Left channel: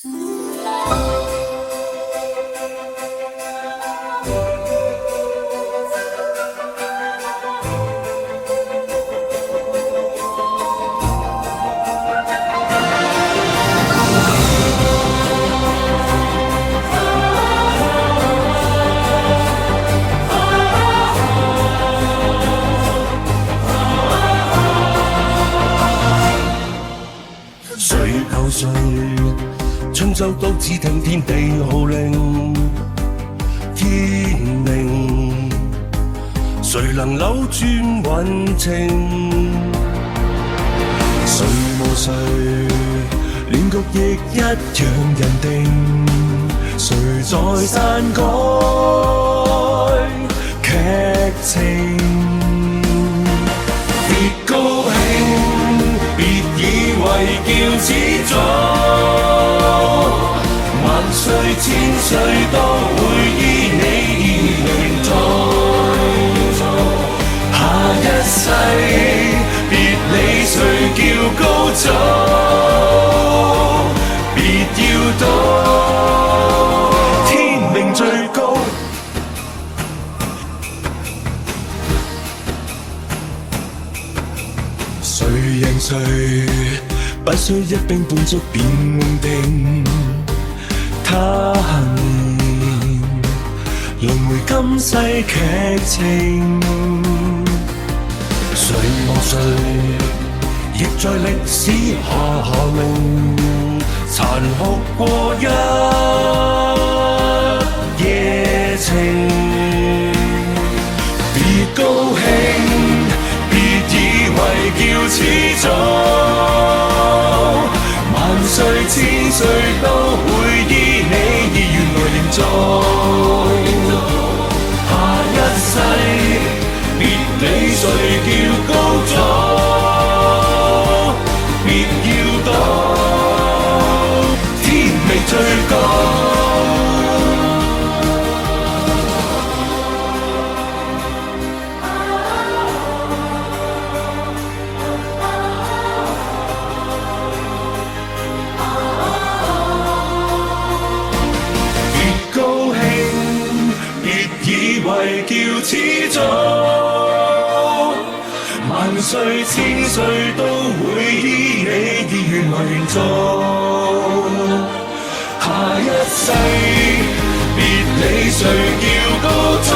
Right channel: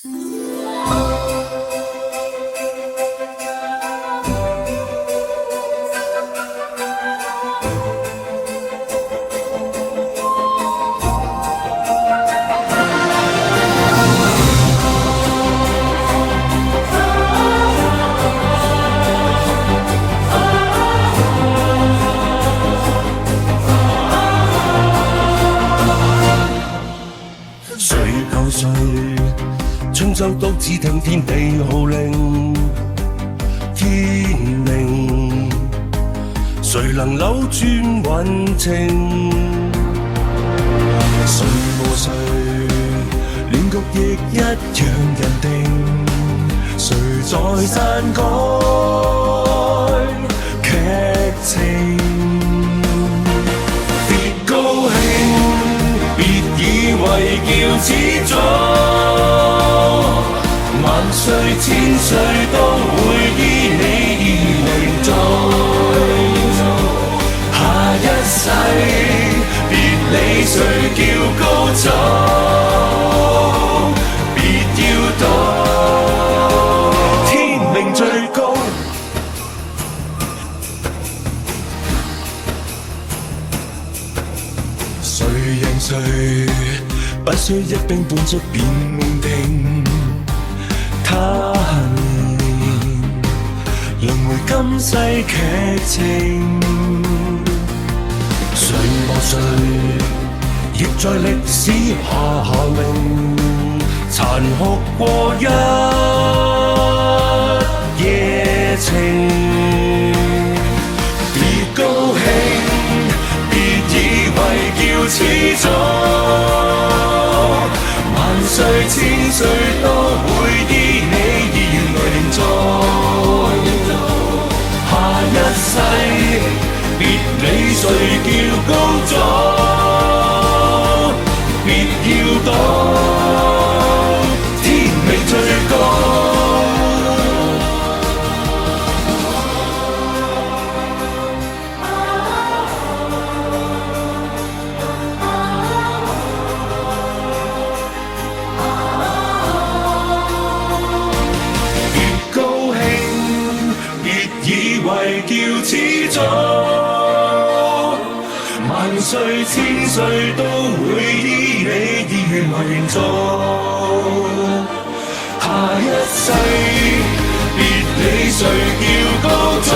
誰救誰？春秋都只聽天地號令，天命誰能扭轉運程？誰無誰，亂局亦一樣人定。誰在篡改劇情？別高興，別以為叫始祖，萬歲千歲都會依你而凝造。下一世別理誰叫高祖，別要賭天命最高。誰贏誰，不需一兵半卒便定。他年輪迴今世劇情，誰磨誰，亦在歷史下名，殘酷過一夜情。別高興，別以為叫始祖，萬歲千歲都會依你意願來營造。下一世別理誰叫高祖，別要賭天命最高。高興，別以為叫始祖，萬歲千歲都會依你意願來營造。下一世別理誰叫高祖。